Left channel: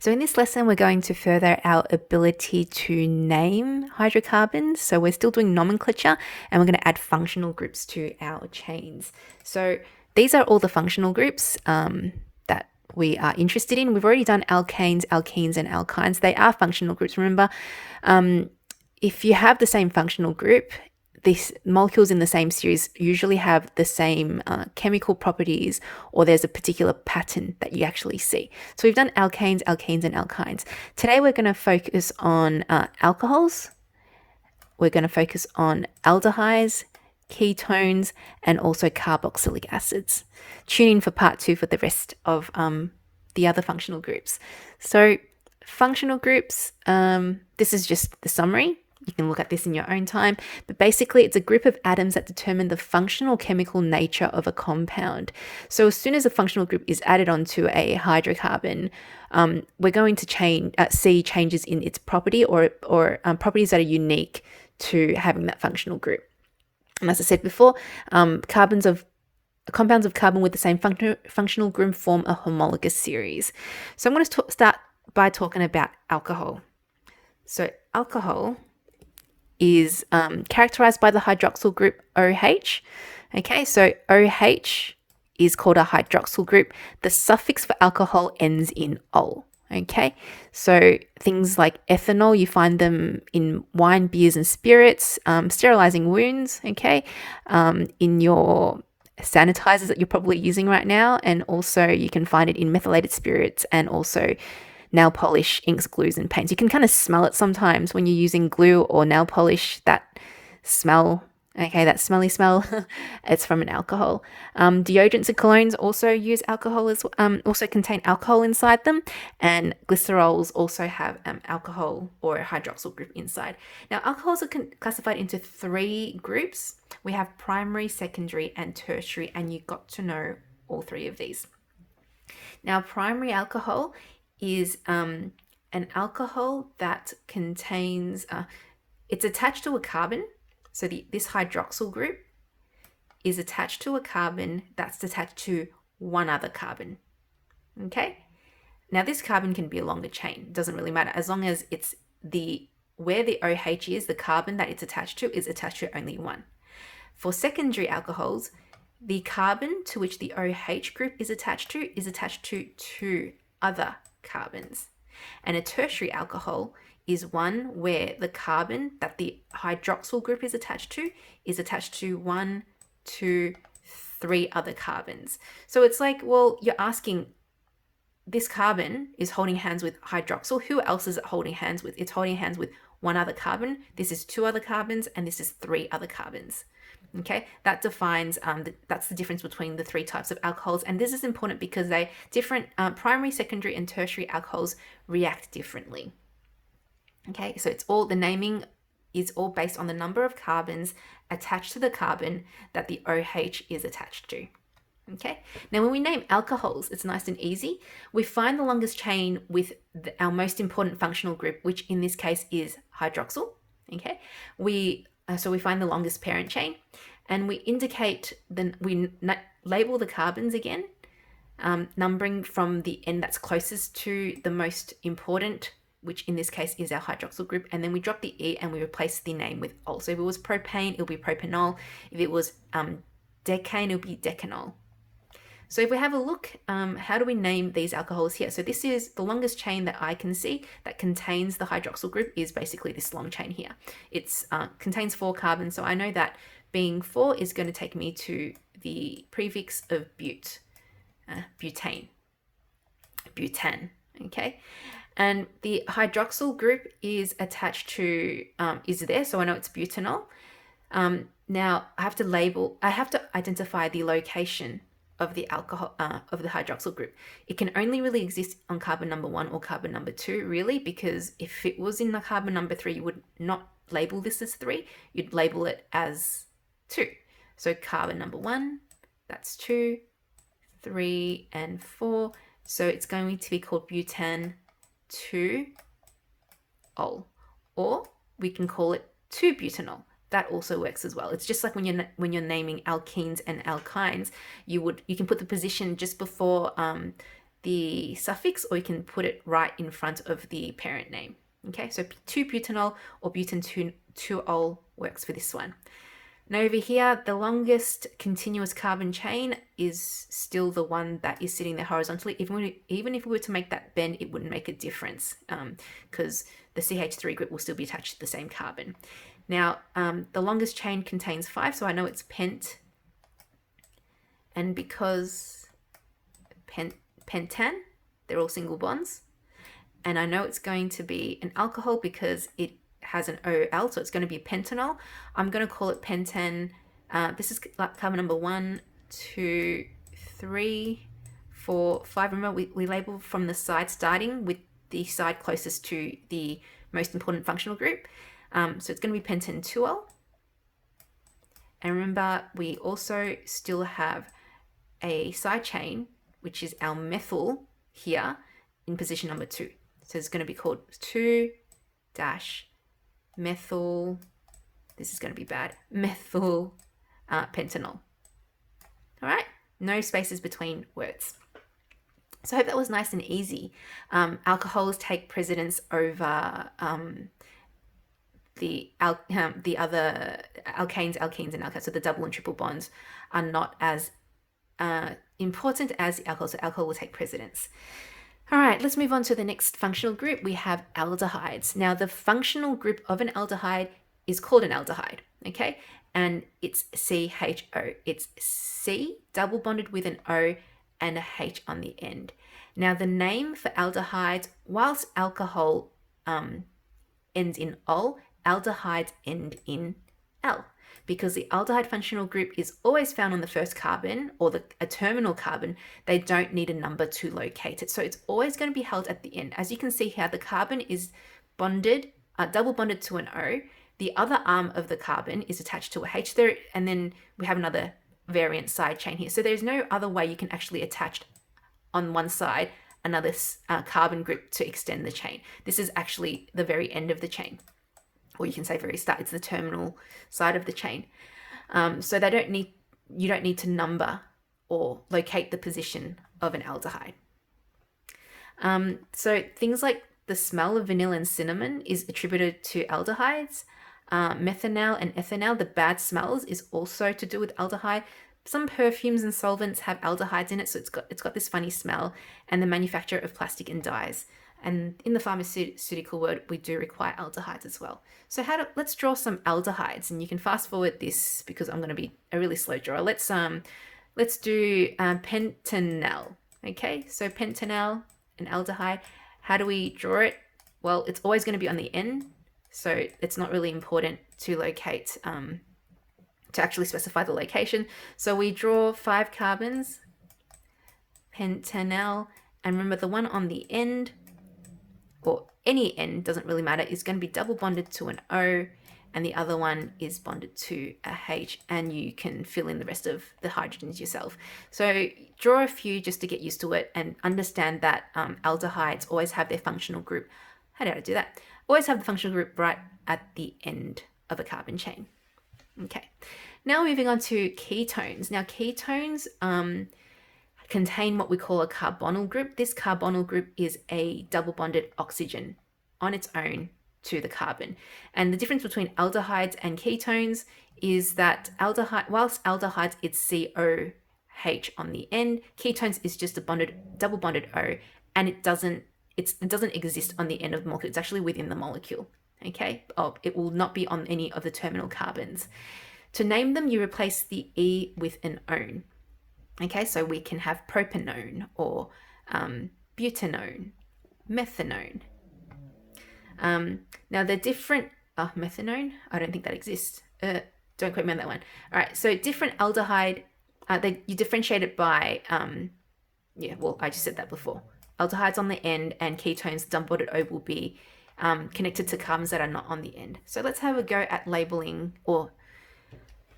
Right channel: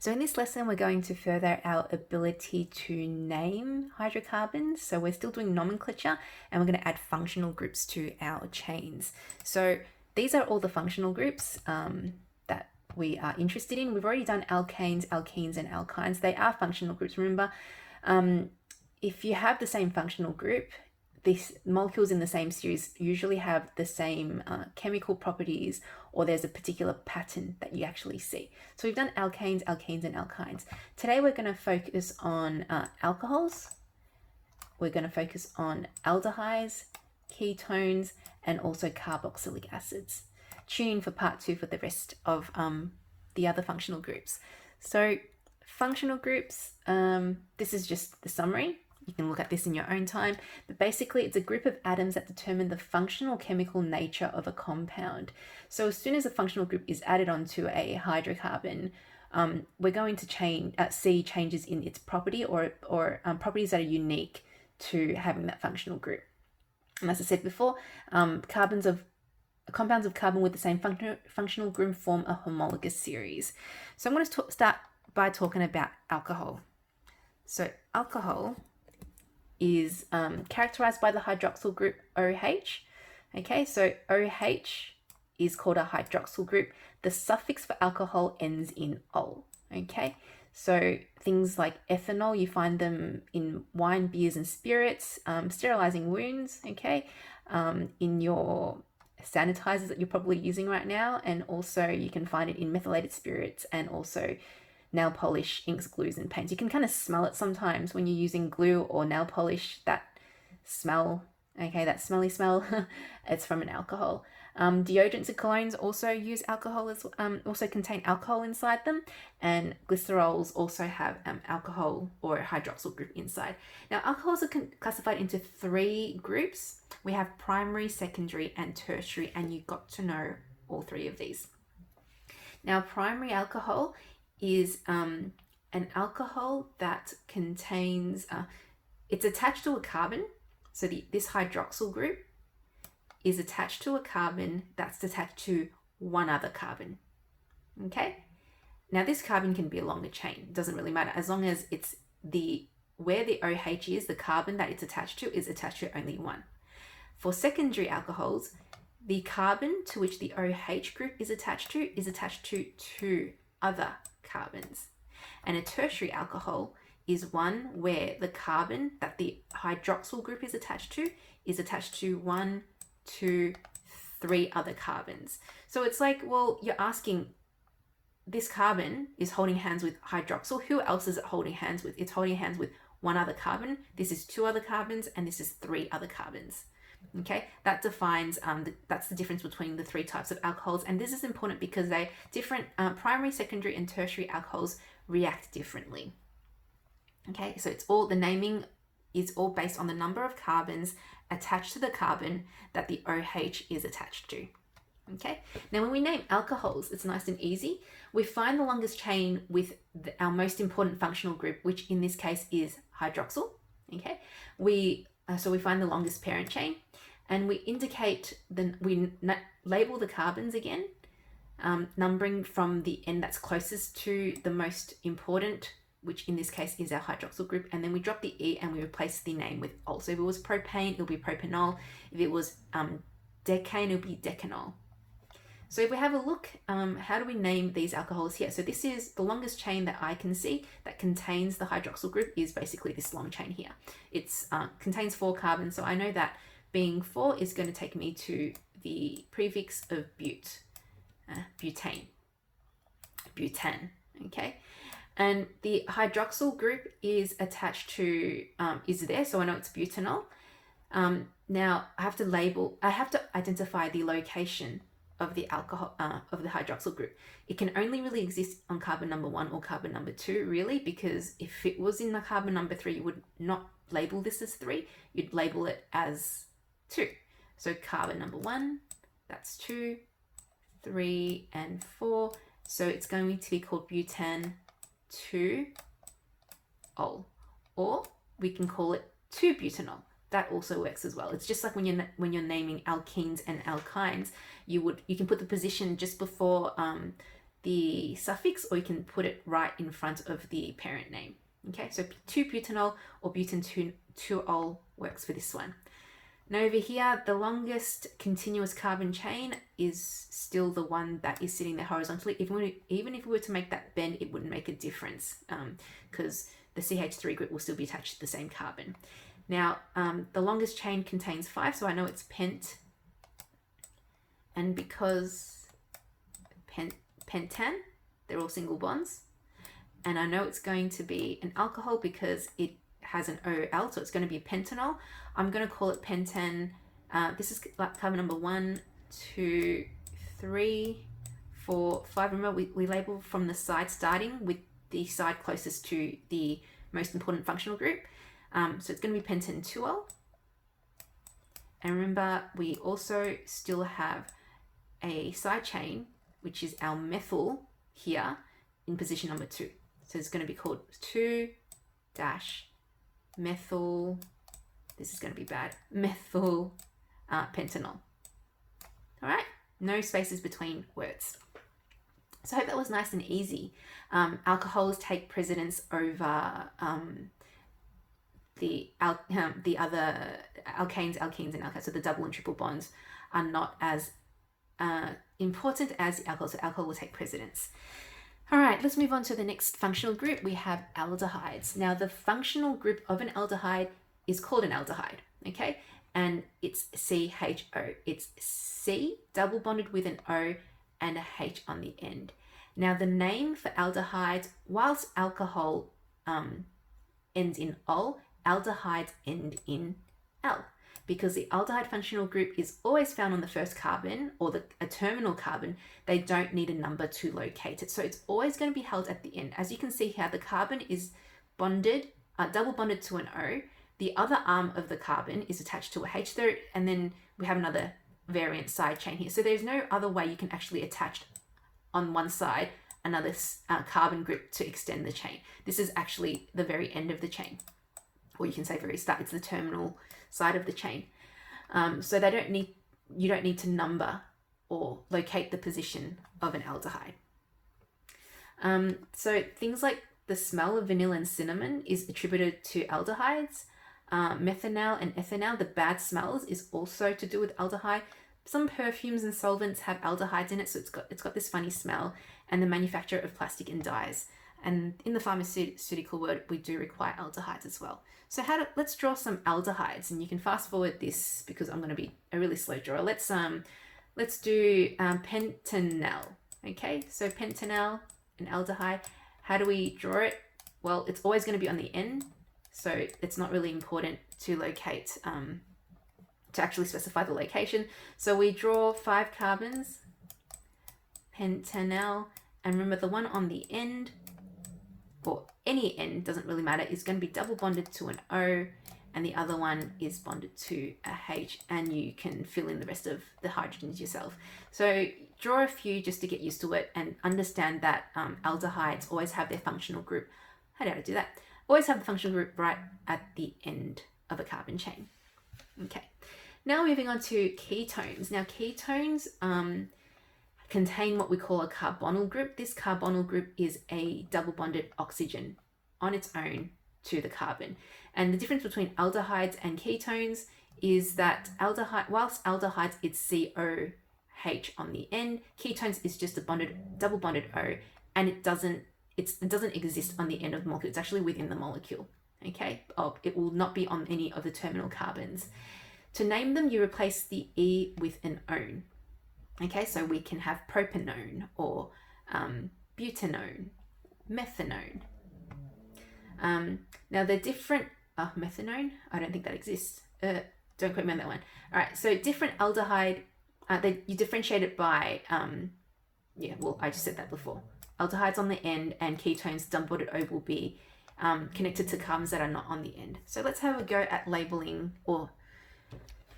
So in this lesson, we're going to further our ability to name hydrocarbons. So we're still doing nomenclature, and we're going to add functional groups to our chains. So these are all the functional groups that we are interested in. We've already done alkanes, alkenes, and alkynes. They are functional groups. Remember, if you have the same functional group, these molecules in the same series usually have the same chemical properties, or there's a particular pattern that you actually see. So we've done alkanes, alkenes, and alkynes. Today we're going to focus on alcohols. We're going to focus on aldehydes, ketones, and also carboxylic acids. Tune in for part 2 for the rest of the other functional groups. So functional groups, this is just the summary. You can look at this in your own time, but basically it's a group of atoms that determine the functional chemical nature of a compound. So as soon as a functional group is added onto a hydrocarbon, we're going to see changes in its property or properties that are unique to having that functional group. And as I said before, compounds of carbon with the same functional group form a homologous series. So I'm going to start by talking about alcohol. So alcohol is characterized by the hydroxyl group OH. Okay, so OH is called a hydroxyl group. The suffix for alcohol ends in ol. Okay, so things like ethanol, you find them in wine, beers, and spirits, sterilizing wounds, okay, in your sanitizers that you're probably using right now, and also you can find it in methylated spirits and also nail polish, inks, glues, and paints. You can kind of smell it sometimes when you're using glue or nail polish, that smell, okay, that smelly smell, it's from an alcohol. Deodorants and colognes also use alcohol also contain alcohol inside them, and glycerols also have alcohol or a hydroxyl group inside. Now, alcohols are classified into 3 groups. We have primary, secondary, and tertiary, and you've got to know all 3 of these. Now, primary alcohol is an alcohol that contains, it's attached to a carbon. So this hydroxyl group is attached to a carbon that's attached to one other carbon. Okay? Now this carbon can be a longer chain. It doesn't really matter as long as it's where the OH is, the carbon that it's attached to is attached to only one. For secondary alcohols, the carbon to which the OH group is attached to 2 other carbons. And a tertiary alcohol is one where the carbon that the hydroxyl group is attached to 1, 2, 3 other carbons. So it's like, well, you're asking, this carbon is holding hands with hydroxyl. Who else is it holding hands with? It's holding hands with one other carbon. This is 2 other carbons, and this is 3 other carbons. Okay, that defines, that's the difference between the 3 types of alcohols. And this is important because they different, primary, secondary, and tertiary alcohols react differently. Okay, so it's all, the naming is all based on the number of carbons attached to the carbon that the OH is attached to. Okay, now when we name alcohols, it's nice and easy. We find the longest chain with our most important functional group, which in this case is hydroxyl. Okay, so we find the longest parent chain, and we label the carbons again, numbering from the end that's closest to the most important, which in this case is our hydroxyl group, and then we drop the E and we replace the name with ol. So if it was propane, it'll be propanol. If it was decane, it'll be decanol. So if we have a look, how do we name these alcohols here? So this is the longest chain that I can see that contains the hydroxyl group is basically this long chain here. It contains 4 carbons, so I know that being 4 is going to take me to the prefix of butane, okay? And the hydroxyl group is attached to, is there, so I know it's butanol. Now I have to identify the location of the alcohol, of the hydroxyl group. It can only really exist on carbon number 1 or carbon number 2, really, because if it was in the carbon number 3, you would not label this as 3, you'd label it as 2. So carbon number 1, that's 2, 3, and 4. So it's going to be called butan 2-ol, or we can call it 2-butanol. That also works as well. It's just like when you're naming alkenes and alkynes, you can put the position just before the suffix, or you can put it right in front of the parent name. Okay, so 2-butanol or butan-2-ol works for this one. Now over here, the longest continuous carbon chain is still the one that is sitting there horizontally. Even if we were to make that bend, it wouldn't make a difference because the CH3 group will still be attached to the same carbon. Now, the longest chain contains 5, so I know it's pent. And because pentan, they're all single bonds. And I know it's going to be an alcohol because it has an OL, so it's going to be pentanol. I'm going to call it pentan. This is carbon number 1, 2, 3, 4, 5. Remember, we label from the side, starting with the side closest to the most important functional group. So it's going to be pentan-2-ol. And remember, we also still have a side chain, which is our methyl here in position number 2. So it's going to be called 2-methyl, this is going to be bad, methyl pentanol. All right, no spaces between words. So I hope that was nice and easy. Alcohols take precedence over the other alkanes, alkenes, and alkynes. So the double and triple bonds are not as important as the alcohol, so alcohol will take precedence. All right, let's move on to the next functional group. We have aldehydes. Now, the functional group of an aldehyde is called an aldehyde, okay? And it's CHO. It's C double bonded with an O and a H on the end. Now, the name for aldehydes, whilst alcohol ends in ol, aldehydes end in L, because the aldehyde functional group is always found on the first carbon or a terminal carbon. They don't need a number to locate it. So it's always going to be held at the end. As you can see here, the carbon is bonded, double bonded to an O. The other arm of the carbon is attached to a H there, and then we have another variant side chain here. So there's no other way you can actually attach on one side another carbon group to extend the chain. This is actually the very end of the chain, or you can say very start. It's the terminal side of the chain. So you don't need to number or locate the position of an aldehyde. So things like the smell of vanilla and cinnamon is attributed to aldehydes. Methanol and ethanol, the bad smells, is also to do with aldehyde. Some perfumes and solvents have aldehydes in it, so it's got this funny smell. And the manufacture of plastic and dyes. And in the pharmaceutical world, we do require aldehydes as well. So let's draw some aldehydes, and you can fast forward this because I'm going to be a really slow drawer. Let's do pentanal. Okay, so pentanal, an aldehyde. How do we draw it? Well, it's always going to be on the end, so it's not really important to locate, to actually specify the location. So we draw 5 carbons, pentanal, and remember the one on the end, or any end, doesn't really matter, is going to be double bonded to an O, and the other one is bonded to a H, and you can fill in the rest of the hydrogens yourself. So draw a few just to get used to it and understand that aldehydes always have their functional group. How did I do that? Always have the functional group right at the end of a carbon chain. Okay, now moving on to ketones. Now ketones contain what we call a carbonyl group. This carbonyl group is a double bonded oxygen on its own to the carbon. And the difference between aldehydes and ketones is that whilst aldehydes, it's COH on the end, ketones is just a double bonded O, and it doesn't exist on the end of the molecule. It's actually within the molecule. Okay, it will not be on any of the terminal carbons. To name them, you replace the E with an one. Okay, so we can have propanone or butanone, methanone. Now the different, methanone, I don't think that exists. Don't quote me on that one. All right, so different aldehyde, you differentiate it by, I just said that before. Aldehydes on the end and ketones, double bonded O, will be connected to carbons that are not on the end. So let's have a go at labeling or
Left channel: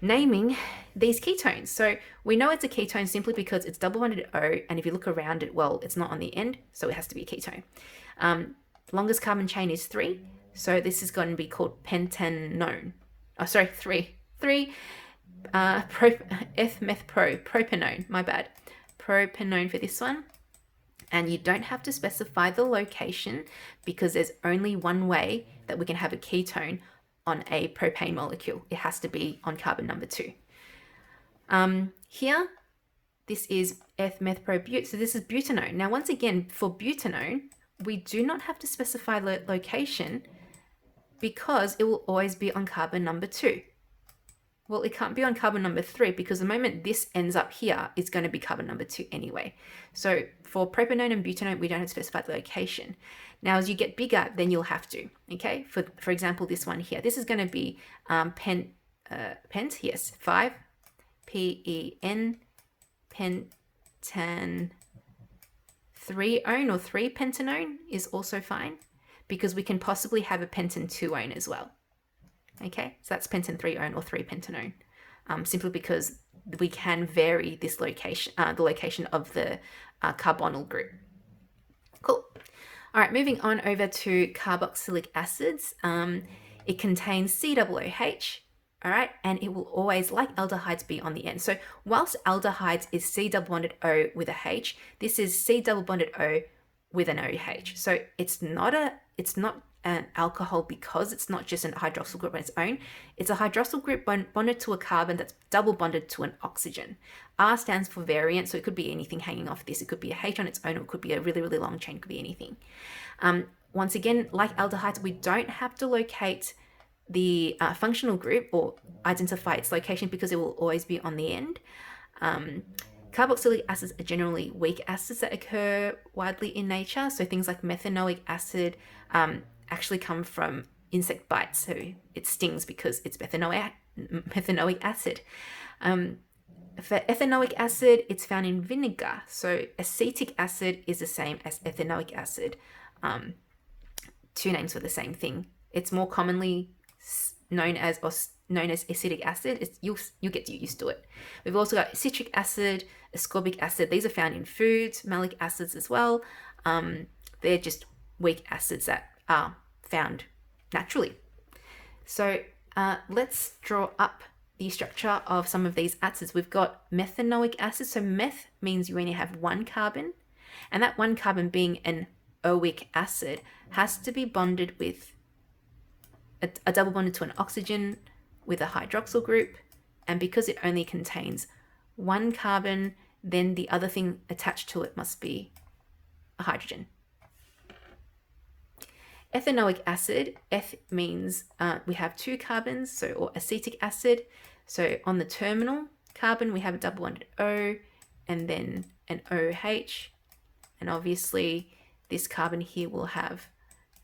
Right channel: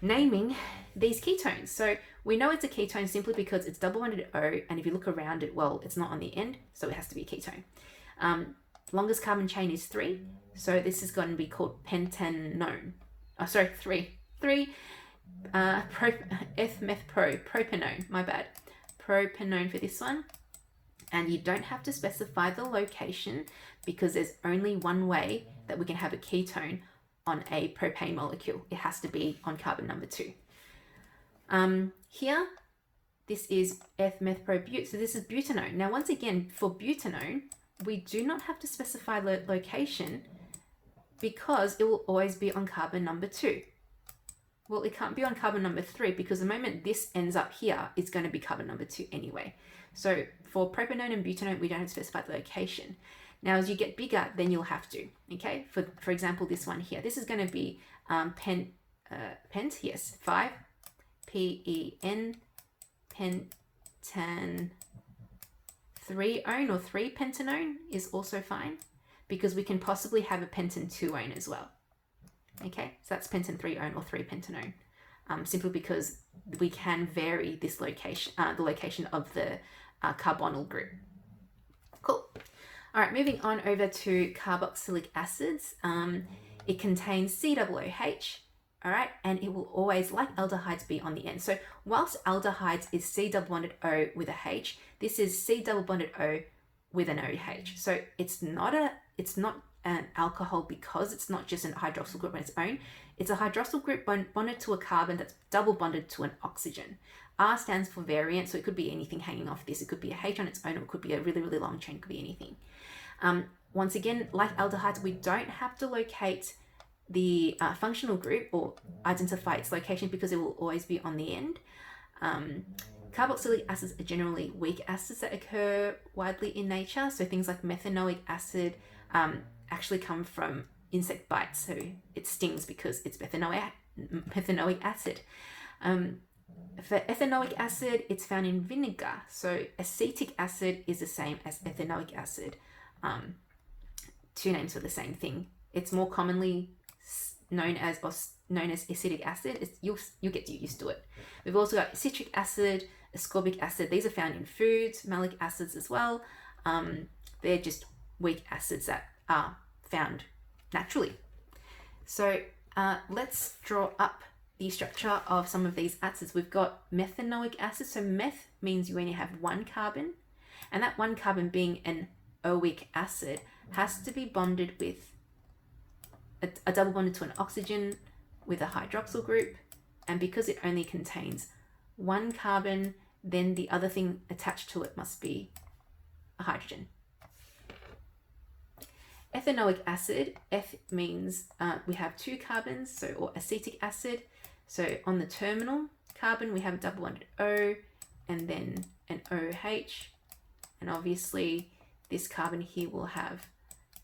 naming these ketones. So we know it's a ketone simply because it's double bonded O, and if you look around it, well, it's not on the end, so it has to be a ketone. Longest carbon chain is 3, so this is going to be called pentanone. Oh, sorry, 3. Propanone, my bad. Propanone for this one. And you don't have to specify the location because there's only one way that we can have a ketone on a propane molecule. It has to be on carbon number 2. Here, this is eth-meth-pro-but. So this is butanone. Now, once again, for butanone, we do not have to specify the location because it will always be on carbon number 2. Well, it can't be on carbon number 3 because the moment this ends up here, it's going to be carbon number 2 anyway. So for propanone and butanone, we don't have to specify the location. Now, as you get bigger, then you'll have to, okay? For example, this one here, this is going to be pent, yes, 5, P-E-N, pentan 3-one or 3-pentanone is also fine because we can possibly have a pentan 2-one as well. Okay, so that's pentan 3-one or 3-pentanone, simply because we can vary this location, the location of the carbonyl group. Cool. All right, moving on over to carboxylic acids. It contains COOH, all right, and it will always, like aldehydes, be on the end. So whilst aldehydes is C double bonded O with a H, this is C double bonded O with an OH. So it's not an alcohol because it's not just a hydroxyl group on its own. It's a hydroxyl group bonded to a carbon that's double bonded to an oxygen. R stands for variant, so it could be anything hanging off this. It could be a H on its own, or it could be a really, really long chain, it could be anything. Once again, like aldehydes, we don't have to locate the functional group or identify its location because it will always be on the end. Carboxylic acids are generally weak acids that occur widely in nature. So things like methanoic acid actually come from insect bites. So it stings because it's methanoic acid. For ethanoic acid, it's found in vinegar. So acetic acid is the same as ethanoic acid. Two names for the same thing. It's more commonly known as acetic acid. You'll get used to it. We've also got citric acid, ascorbic acid. These are found in foods, malic acids as well. They're just weak acids that are found naturally. So let's draw up the structure of some of these acids. We've got methanoic acid. So meth means you only have one carbon, and that one carbon, being an oic acid, has to be bonded with a double bonded to an oxygen with a hydroxyl group. And because it only contains one carbon, then the other thing attached to it must be a hydrogen. Ethanoic acid, eth means we have two carbons, or acetic acid. So on the terminal carbon, we have a double bonded O and then an OH. And obviously this carbon here will have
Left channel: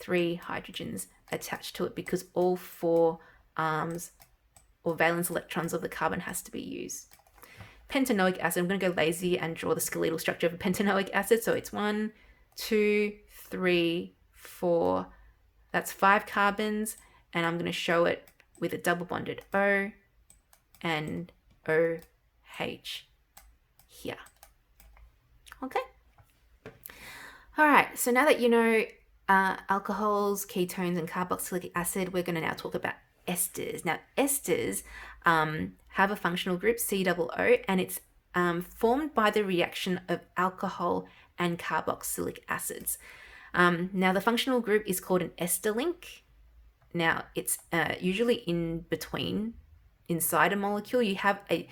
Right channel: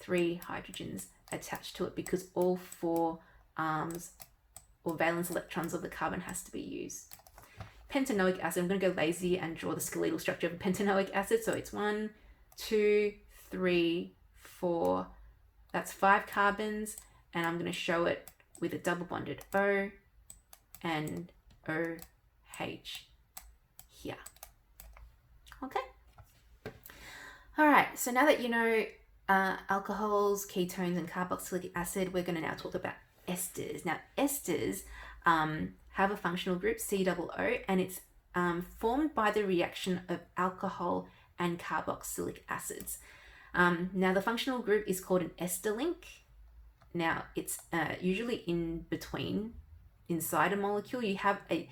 3 hydrogens attached to it because all 4 arms or valence electrons of the carbon has to be used. Pentanoic acid, I'm going to go lazy and draw the skeletal structure of a pentanoic acid. So it's 1, 2, 3, 4, that's 5 carbons, and I'm going to show it with a double bonded O and OH here. Okay. All right, so now that you know alcohols, ketones, and carboxylic acid, we're going to now talk about esters. Now, esters have a functional group, COO, and it's formed by the reaction of alcohol and carboxylic acids. Now, the functional group is called an ester link. Now, it's usually in between, inside a molecule. You have a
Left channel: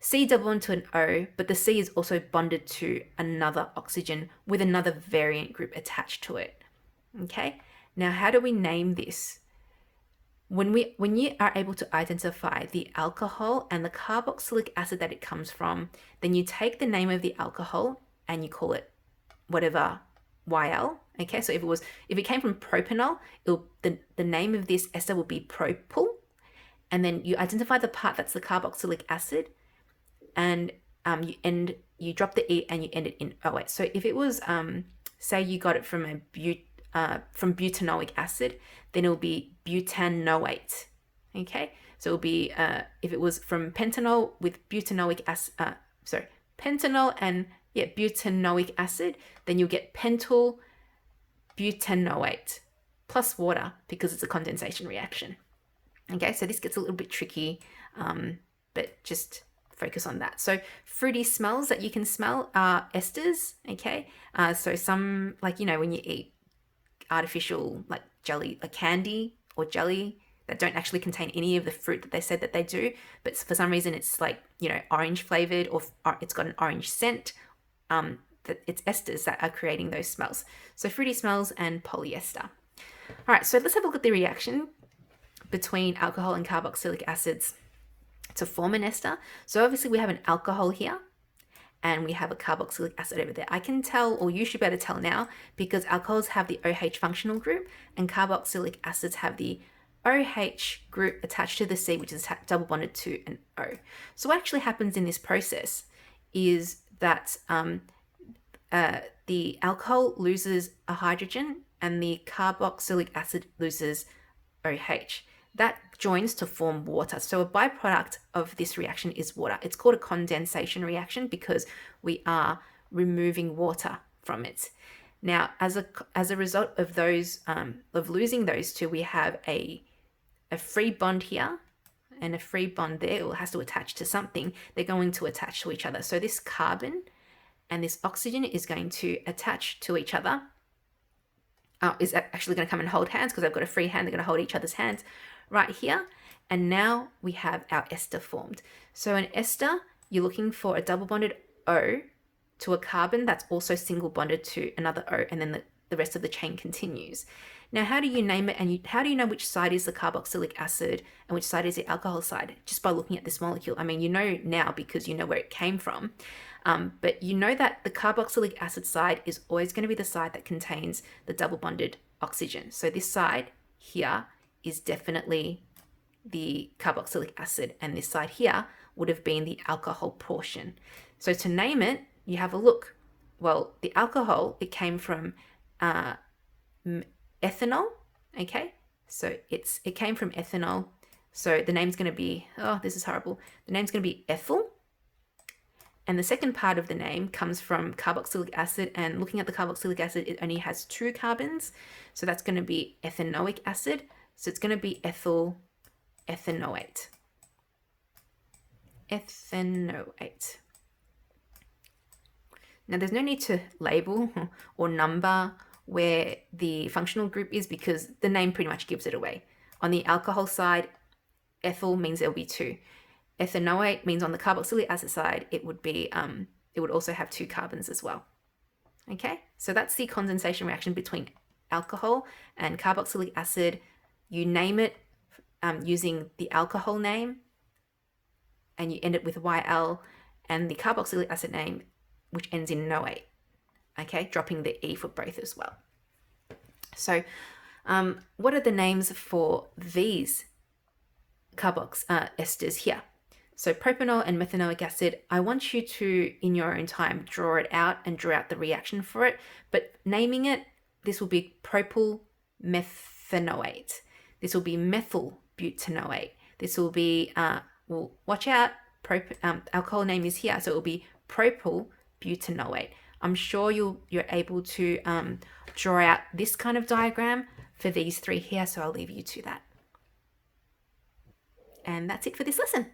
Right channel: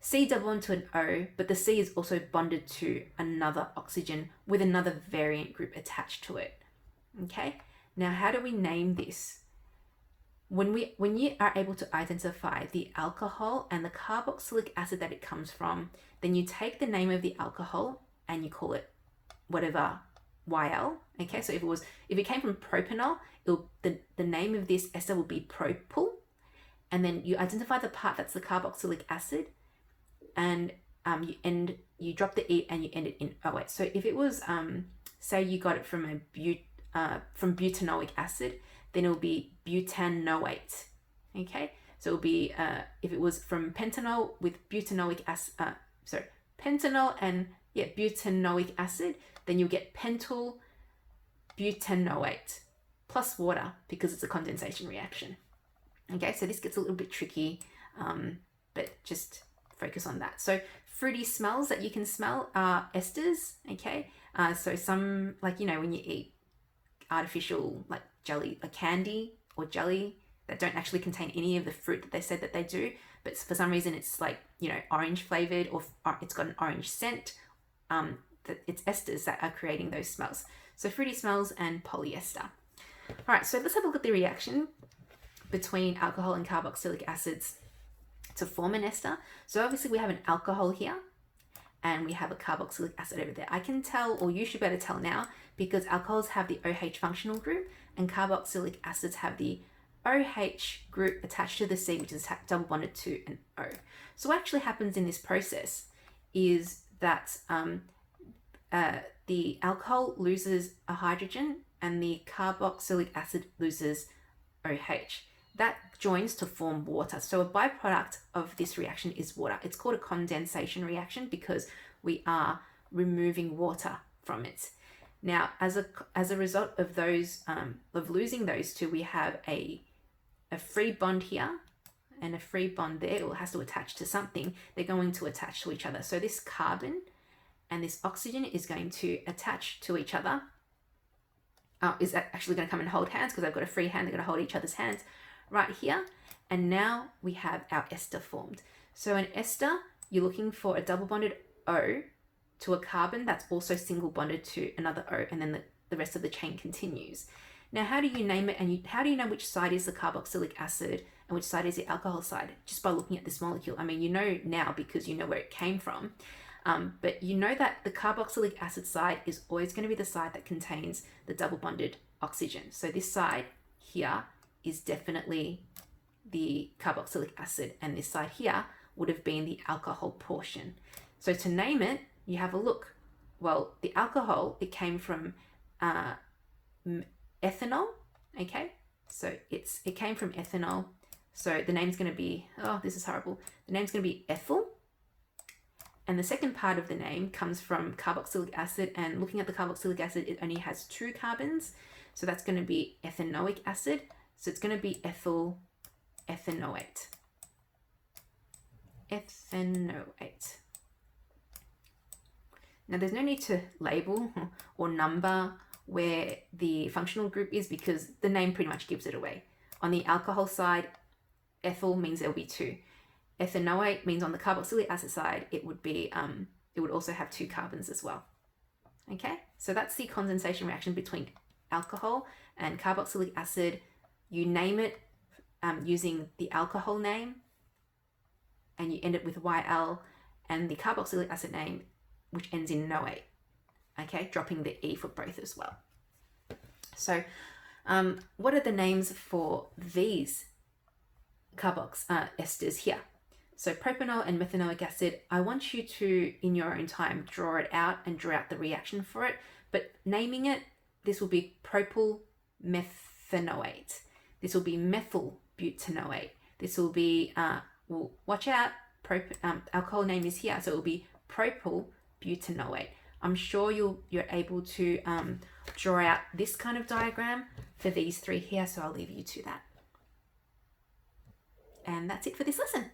C double bond to an O, but the C is also bonded to another oxygen with another variant group attached to it. Okay, now how do we name this? When you are able to identify the alcohol and the carboxylic acid that it comes from, then you take the name of the alcohol and you call it whatever YL. Okay, so if it came from propanol, the name of this ester will be propyl, and then you identify the part that's the carboxylic acid, and you drop the E and you end it in OH. So if it was say you got it from from butanoic acid, then it will be butanoate. Okay, so it will be if it was from pentanol with butanoic acid, pentanol and butanoic acid, then you'll get pentyl butanoate plus water because it's a condensation reaction. Okay, so this gets a little bit tricky, but just focus on that. So fruity smells that you can smell are esters, okay? So some, like, you know, when you eat artificial like jelly, like candy or jelly that don't actually contain any of the fruit that they said that they do, but for some reason it's like, you know, orange flavored or it's got an orange scent, that it's esters that are creating those smells. So fruity smells and polyester. All right, so let's have a look at the reaction between alcohol and carboxylic acids to form an ester. So obviously we have an alcohol here and we have a carboxylic acid over there. I can tell, or you should be able to tell now, because alcohols have the OH functional group and carboxylic acids have the OH group attached to the C, which is double bonded to an O. So what actually happens in this process is that the alcohol loses a hydrogen and the carboxylic acid loses OH. That joins to form water. So a byproduct of this reaction is water. It's called a condensation reaction because we are removing water from it. Now, as a result of those of losing those two, we have a free bond here and a free bond there. It has to attach to something. They're going to attach to each other. So this carbon and this oxygen is going to attach to each other. Is actually going to come and hold hands because they've got a free hand. They're going to hold each other's hands right here. And now we have our ester formed. So an ester, you're looking for a double bonded O to a carbon that's also single bonded to another O, and then the rest of the chain continues. Now, how do you name it, and how do you know which side is the carboxylic acid and which side is the alcohol side? Just by looking at this molecule. I mean, you know now because you know where it came from. But you know that the carboxylic acid side is always going to be the side that contains the double bonded oxygen. So this side here is definitely the carboxylic acid, and this side here would have been the alcohol portion. So to name it, you have a look. Well, the alcohol, it came from ethanol, okay? So it came from ethanol. So the name's going to be, oh, this is horrible. The name's going to be ethyl. And the second part of the name comes from carboxylic acid, and looking at the carboxylic acid, it only has 2 carbons. So that's going to be ethanoic acid. So it's going to be ethyl ethanoate. Ethanoate. Now there's no need to label or number where the functional group is because the name pretty much gives it away. On the alcohol side, ethyl means there'll be 2. Ethanoate means on the carboxylic acid side, it would also have 2 carbons as well. Okay, so that's the condensation reaction between alcohol and carboxylic acid. You name it using the alcohol name, and you end it with YL, and the carboxylic acid name, which ends in noate. Okay, dropping the E for both as well. So what are the names for these esters here? So propanol and methanoic acid, I want you to, in your own time, draw it out and draw out the reaction for it. But naming it, this will be propyl methanoate. This will be methyl butanoate. This will be, well, watch out, alcohol name is here, so it will be propyl butanoate. I'm sure you're able to draw out this kind of diagram for these 3 here, so I'll leave you to that. And that's it for this lesson.